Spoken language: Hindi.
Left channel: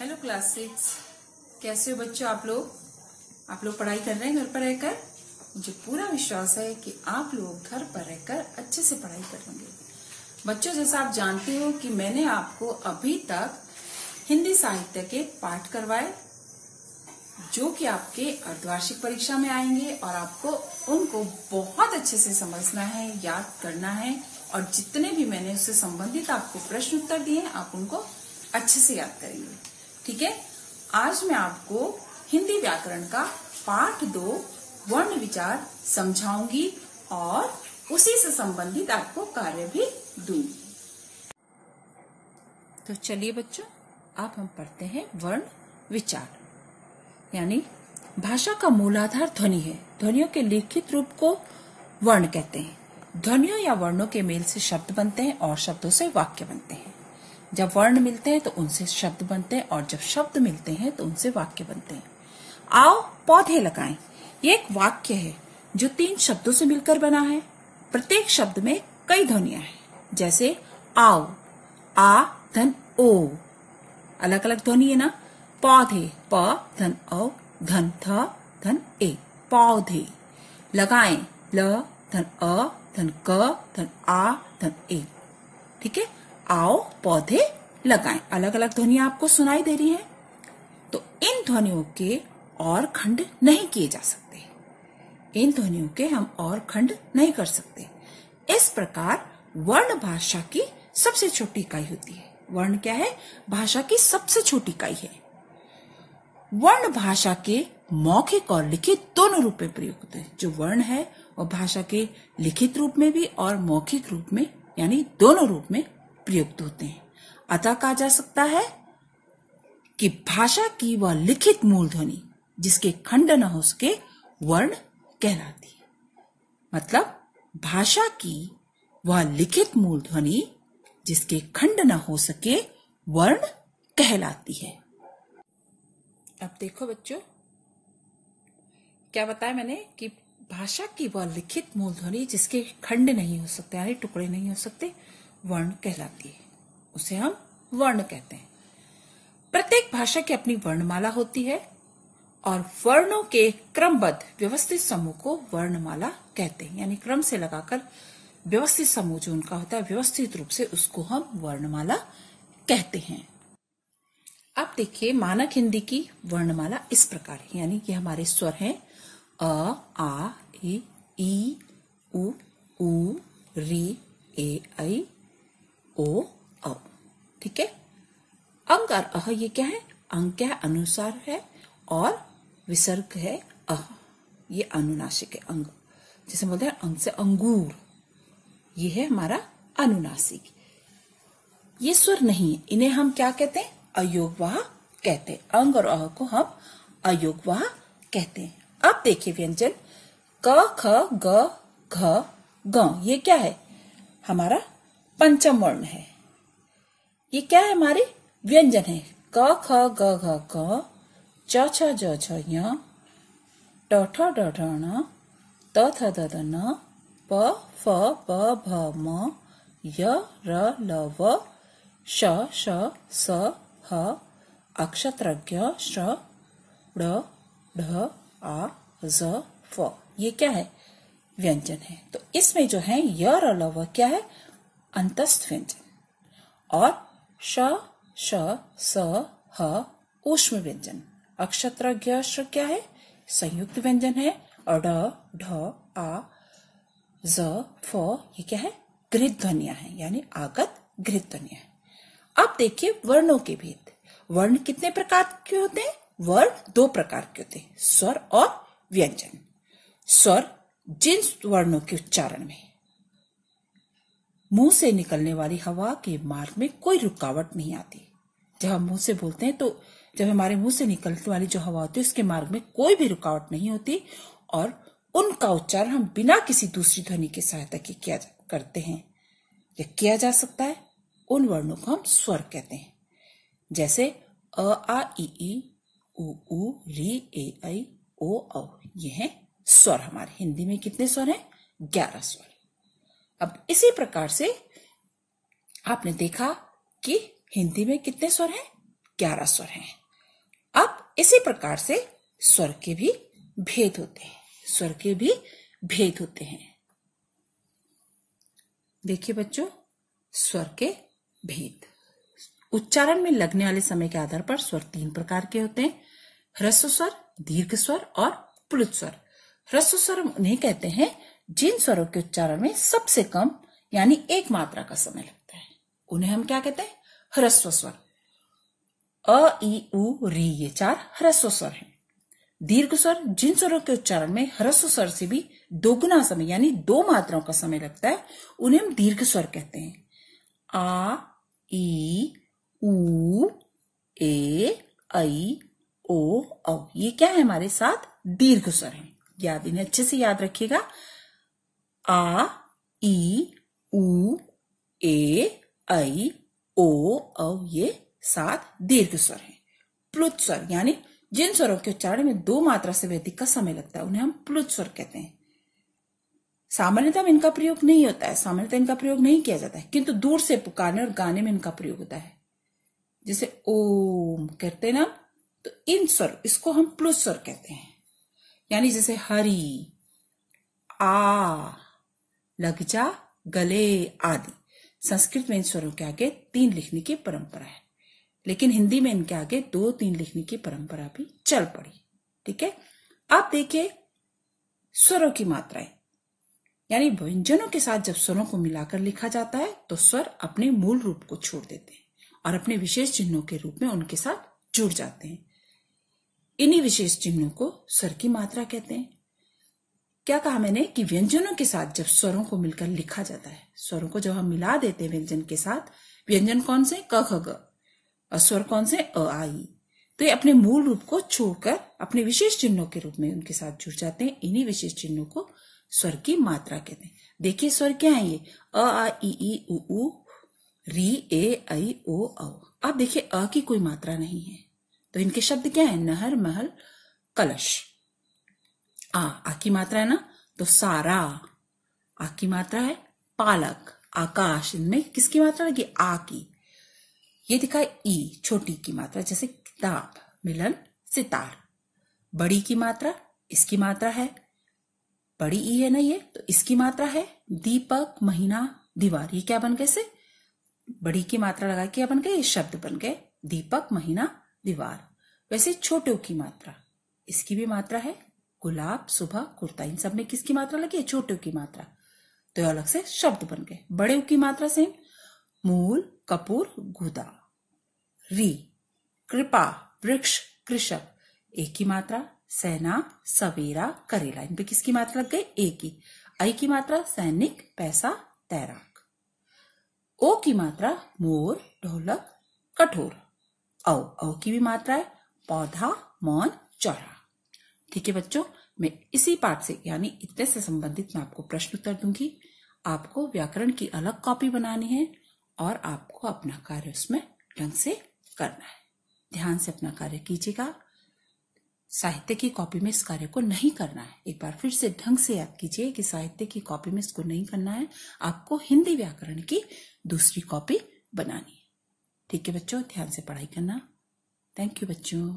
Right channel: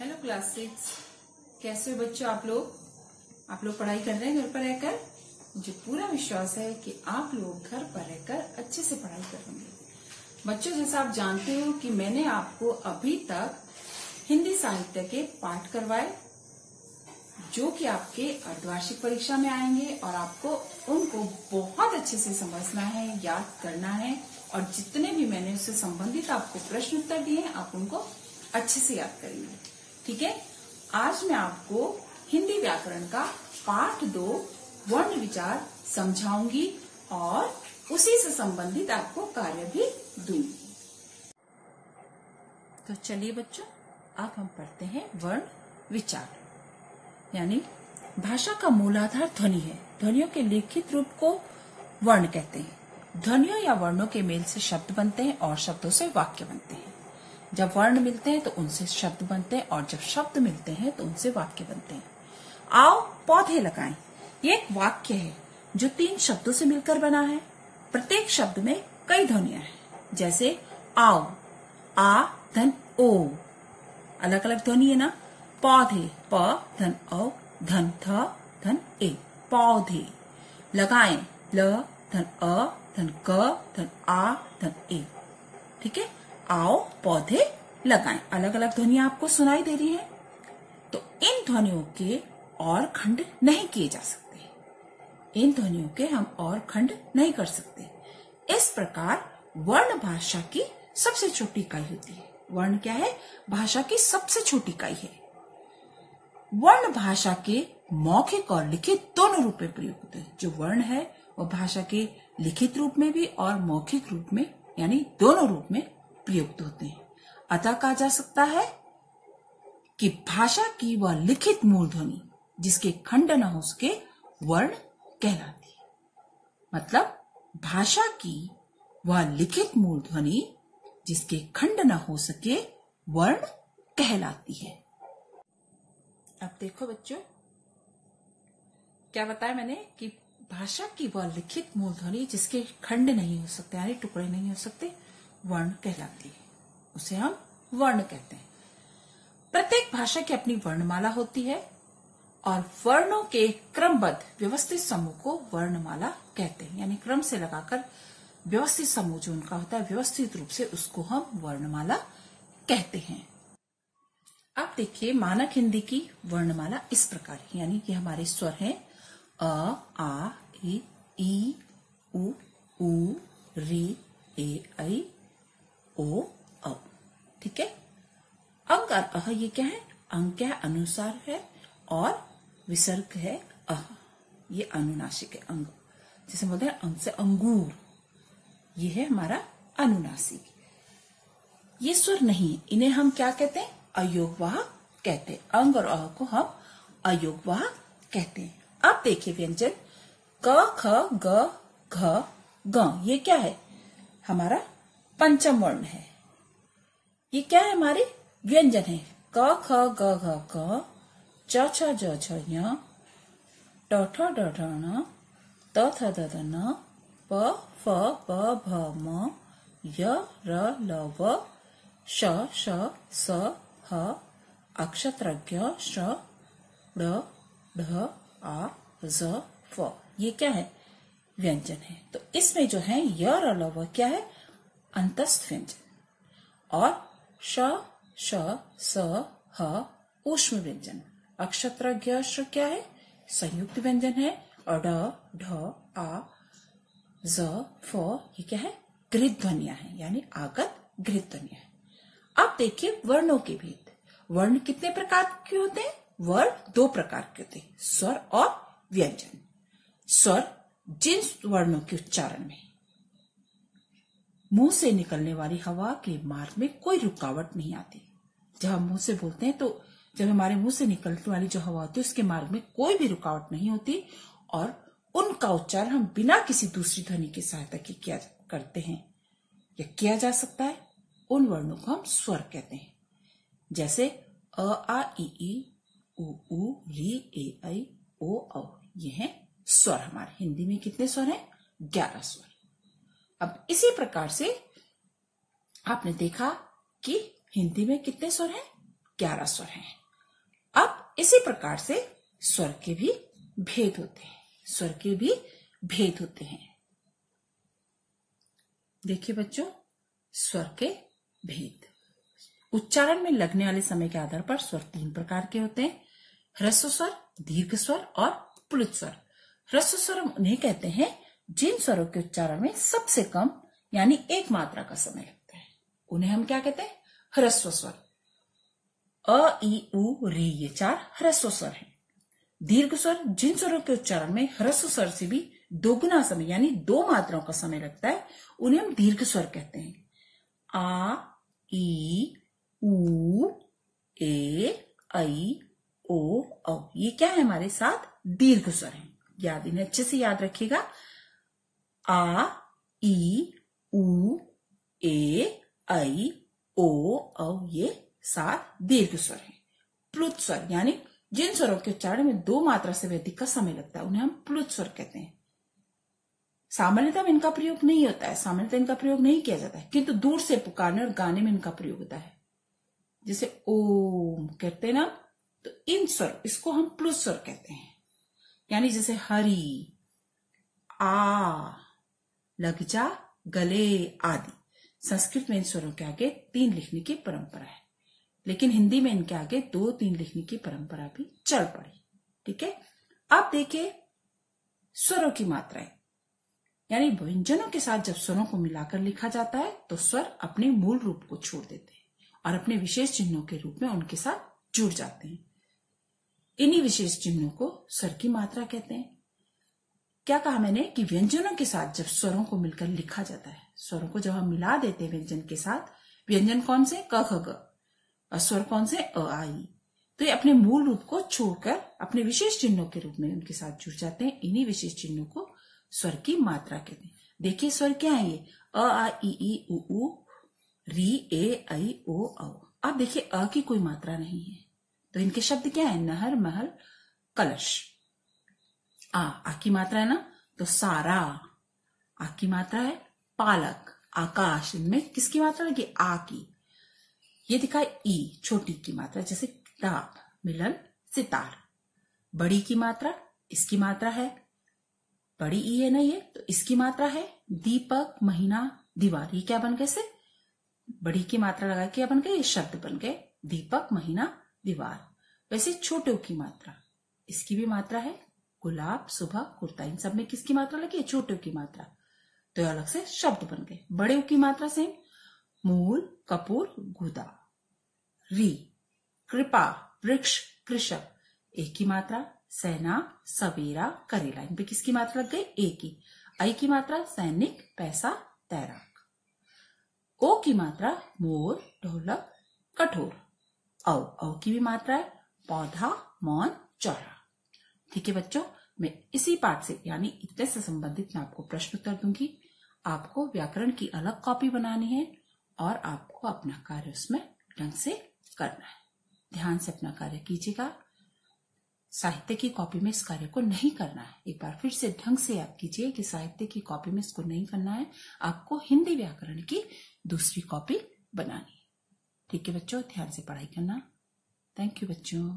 Hello class 6। कैसे हो बच्चों? आप लोग पढ़ाई कर रहे हैं घर पर रहकर? मुझे पूरा विश्वास है कि आप लोग घर पर रहकर अच्छे से पढ़ाई करेंगे। बच्चों, जैसा आप जानते हो कि मैंने आपको अभी तक हिंदी साहित्य के पाठ करवाए जो कि आपके अर्धवार्षिक परीक्षा में आएंगे और आपको उनको बहुत अच्छे से समझना है, याद करना है और जितने भी मैंने उससे संबंधित आपको प्रश्न उत्तर दिए हैं आप उनको अच्छे से याद करेंगे। ठीक है। आज मैं आपको हिंदी व्याकरण का पाठ 2 वर्ण विचार समझाऊंगी और उसी से संबंधित आपको कार्य भी दूंगी। तो चलिए बच्चों, अब हम पढ़ते हैं वर्ण विचार। यानी भाषा का मूलाधार ध्वनि है। ध्वनियों के लिखित रूप को वर्ण कहते हैं। ध्वनियों या वर्णों के मेल से शब्द बनते हैं और शब्दों से वाक्य बनते हैं। जब वर्ण मिलते हैं तो उनसे शब्द बनते हैं और जब शब्द मिलते हैं तो उनसे वाक्य बनते हैं। आओ पौधे लगाएं, ये एक वाक्य है जो 3 शब्दों से मिलकर बना है। प्रत्येक शब्द में कई ध्वनियां हैं, जैसे आओ, आ धन ओ, अलग अलग ध्वनि है ना। पौधे, प धन औ धन थ धन ए, पौधे। लगाएं, ल धन अ धन क धन आ धन ए। ठीक है। आओ पौधे लगाएं, अलग अलग ध्वनियां आपको सुनाई दे रही है। तो इन ध्वनियों के और खंड नहीं किए जा सकते। इन ध्वनियों के हम और खंड नहीं कर सकते। इस प्रकार वर्ण भाषा की सबसे छोटी इकाई होती है। वर्ण क्या है? भाषा की सबसे छोटी इकाई है। वर्ण भाषा के मौखिक और लिखित दोनों रूप में प्रयोग होते हैं। जो वर्ण है वो भाषा के लिखित रूप में भी और मौखिक रूप में यानी दोनों रूप में प्रयुक्त होते हैं। अतः कहा जा सकता है कि भाषा की वह लिखित मूल ध्वनि जिसके खंड न हो सके वर्ण कहलाती है। मतलब भाषा की वह लिखित मूल ध्वनि जिसके खंड न हो सके वर्ण कहलाती है। अब देखो बच्चों, क्या बताया मैंने कि भाषा की वह लिखित मूल ध्वनि जिसके खंड नहीं हो सकते यानी टुकड़े नहीं हो सकते वर्ण कहलाती है। उसे हम वर्ण कहते हैं। प्रत्येक भाषा की अपनी वर्णमाला होती है और वर्णों के क्रमबद्ध व्यवस्थित समूह को वर्णमाला कहते हैं। यानी क्रम से लगाकर व्यवस्थित समूह जो उनका होता है व्यवस्थित रूप से, उसको हम वर्णमाला कहते हैं। अब देखिए, मानक हिंदी की वर्णमाला इस प्रकार है। यानी कि हमारे स्वर हैं अ, आ, ई, उ, री, ए, ऐ, ओ, औ। ठीक है। अंग और अह ये क्या है? अंग क्या है? अनुसार है और विसर्ग है अह, ये अनुनासिक है। अंग जैसे बोलते हैं अंग से अंगूर, ये है हमारा अनुनासिक। ये स्वर नहीं है, इन्हें हम क्या कहते हैं? अयोगवाह कहते हैं। अंग और अह को हम अयोगवाह कहते हैं। अब देखिए व्यंजन क, ख, ग, घ, ग, ये क्या है? हमारा पंचम वर्ण है। ये क्या है? हमारे व्यंजन है। क, ख, ग, घ, क, च, छ, ज, छ, य, ट, ठ, ड, ढ, ण, त, थ, द, ध, न, प, फ, ब, भ, म, य, र, ल, व, श, श, स, ह, अक्षत्रज्ञ, श, ड़, ढ, आ, ज, फ। ये क्या है? व्यंजन है। तो इसमें जो है य, र, ल, व क्या है? अंतस्थ व्यंजन। और श, श, स, ह ऊष्म व्यंजन। अक्षत्रज्ञ श क्या है? संयुक्त व्यंजन है। और ढ, ढ, आ, ज, फ ये क्या है? गृहीत ध्वनियां हैं यानी आगत गृहीत ध्वनियां हैं। अब देखिए वर्णों के भेद। वर्ण कितने प्रकार के होते हैं? वर्ण 2 प्रकार के होते हैं, स्वर और व्यंजन। स्वर जिन वर्णों के उच्चारण में मुंह से निकलने वाली हवा के मार्ग में कोई रुकावट नहीं आती। जब हम मुंह से बोलते हैं तो जब हमारे मुंह से निकलने वाली जो हवा होती है उसके मार्ग में कोई भी रुकावट नहीं होती और उनका उच्चारण हम बिना किसी दूसरी ध्वनि की सहायता के किया करते हैं या किया जा सकता है, उन वर्णों को हम स्वर कहते हैं। जैसे अ, आ, ई, उ, री, ए, ऐ, ओ, औ, ये हैं स्वर। हमारे हिंदी में कितने स्वर हैं? 11 स्वर। अब इसी प्रकार से आपने देखा कि हिंदी में कितने स्वर हैं? 11 स्वर हैं। अब इसी प्रकार से स्वर के भी भेद होते हैं, स्वर के भी भेद होते हैं। देखिए बच्चों, स्वर के भेद। उच्चारण में लगने वाले समय के आधार पर स्वर 3 प्रकार के होते हैं, ह्रस्व स्वर, दीर्घ स्वर और प्लुत स्वर। ह्रस्व स्वर उन्हें कहते हैं जिन स्वरों के उच्चारण में सबसे कम यानी एक मात्रा का समय लगता है, उन्हें हम क्या कहते हैं? ह्रस्व स्वर। अ, ई, उ, री ये 4 ह्रस्व स्वर हैं। दीर्घ स्वर जिन स्वरों के उच्चारण में ह्रस्व स्वर से भी दोगुना समय यानी 2 मात्राओं का समय लगता है, उन्हें हम दीर्घ स्वर कहते हैं। आ, ई, उ, ए, ऐ, ओ, औ ये क्या है? हमारे साथ दीर्घ स्वर हैं। याद, इन्हें अच्छे से याद रखिएगा। आ, ई, उ, ए, ऐ, ओ, औ ये 7 दीर्घ स्वर हैं। प्लुत स्वर यानी जिन स्वरों के उच्चारण में 2 मात्रा से अधिक का समय लगता है, उन्हें हम प्लुत स्वर कहते हैं। सामान्यतः इनका प्रयोग नहीं होता है, सामान्यतः इनका प्रयोग नहीं किया जाता है, किंतु दूर से पुकारने और गाने में इनका प्रयोग होता है। जैसे ओम कहते हैं ना, तो इन स्वर, इसको हम प्लुत स्वर कहते हैं। यानी जैसे हरि, आ, लग जा, गले आदि। संस्कृत में इन स्वरों के आगे 3 लिखने की परंपरा है, लेकिन हिंदी में इनके आगे 2-3 लिखने की परंपरा भी चल पड़ी। ठीक है, अब देखिए स्वरों की मात्राएं, यानी व्यंजनों के साथ जब स्वरों को मिलाकर लिखा जाता है तो स्वर अपने मूल रूप को छोड़ देते हैं और अपने विशेष चिन्हों के रूप में उनके साथ जुड़ जाते हैं। इन्हीं विशेष चिन्हों को स्वर की मात्रा कहते हैं। क्या कहा मैंने कि व्यंजनों के साथ जब स्वरों को मिलकर लिखा जाता है, स्वरों को जब हम मिला देते हैं व्यंजन के साथ, व्यंजन कौन से? क, ख, ग, और स्वर कौन से? अ, आ, ई, तो ये अपने मूल रूप को छोड़कर अपने विशेष चिन्हों के रूप में उनके साथ जुड़ जाते हैं। इन्हीं विशेष चिन्हों को स्वर की मात्रा कहते हैं। देखिए स्वर क्या है ये? अ, आ, ई, उ, ऊ, री, ए, ऐ, ओ, औ। अब देखिए अ की कोई मात्रा नहीं है, तो इनके शब्द क्या है? नहर, महल, कलश। आ की मात्रा है ना, तो सारा। आ की मात्रा है पालक, आकाश। इनमें किसकी मात्रा लगी? आ की। ये दिखा ई, छोटी की मात्रा, जैसे किताब, मिलन, सितार। बड़ी की मात्रा, इसकी मात्रा है बड़ी ई है ना ये, तो इसकी मात्रा है दीपक, महीना, दीवार। ये क्या बन गए? से बड़ी की मात्रा लगा के क्या बन गए? ये शब्द बन गए दीपक, महीना, दीवार। वैसे छोटों की मात्रा, इसकी भी मात्रा है गुलाब, सुबह, कुर्ता। इन सब में किसकी मात्रा लगी है? छोटों की मात्रा, तो अलग से शब्द बन गए। बड़े की मात्रा से मूल, कपूर, गुदा। री, कृपा, वृक्ष, कृषक। एक की मात्रा सेना, सवेरा, करेला। इन पे किसकी मात्रा लग गई? एक की। आई की मात्रा सैनिक, पैसा, तैराक। ओ की मात्रा मोर, ढोलक, कठोर। औ की भी मात्रा है पौधा, मौन, चौड़ा। ठीक है बच्चों, मैं इसी पाठ से यानी इतने से संबंधित मैं आपको प्रश्न उत्तर दूंगी। आपको व्याकरण की अलग कॉपी बनानी है और आपको अपना कार्य उसमें ढंग से करना है। ध्यान से अपना कार्य कीजिएगा। साहित्य की कॉपी में इस कार्य को नहीं करना है। एक बार फिर से ढंग से याद कीजिए कि साहित्य की कॉपी में इसको नहीं करना है, आपको हिंदी व्याकरण की दूसरी कॉपी बनानी है। ठीक है बच्चों, ध्यान से पढ़ाई करना। थैंक यू बच्चों।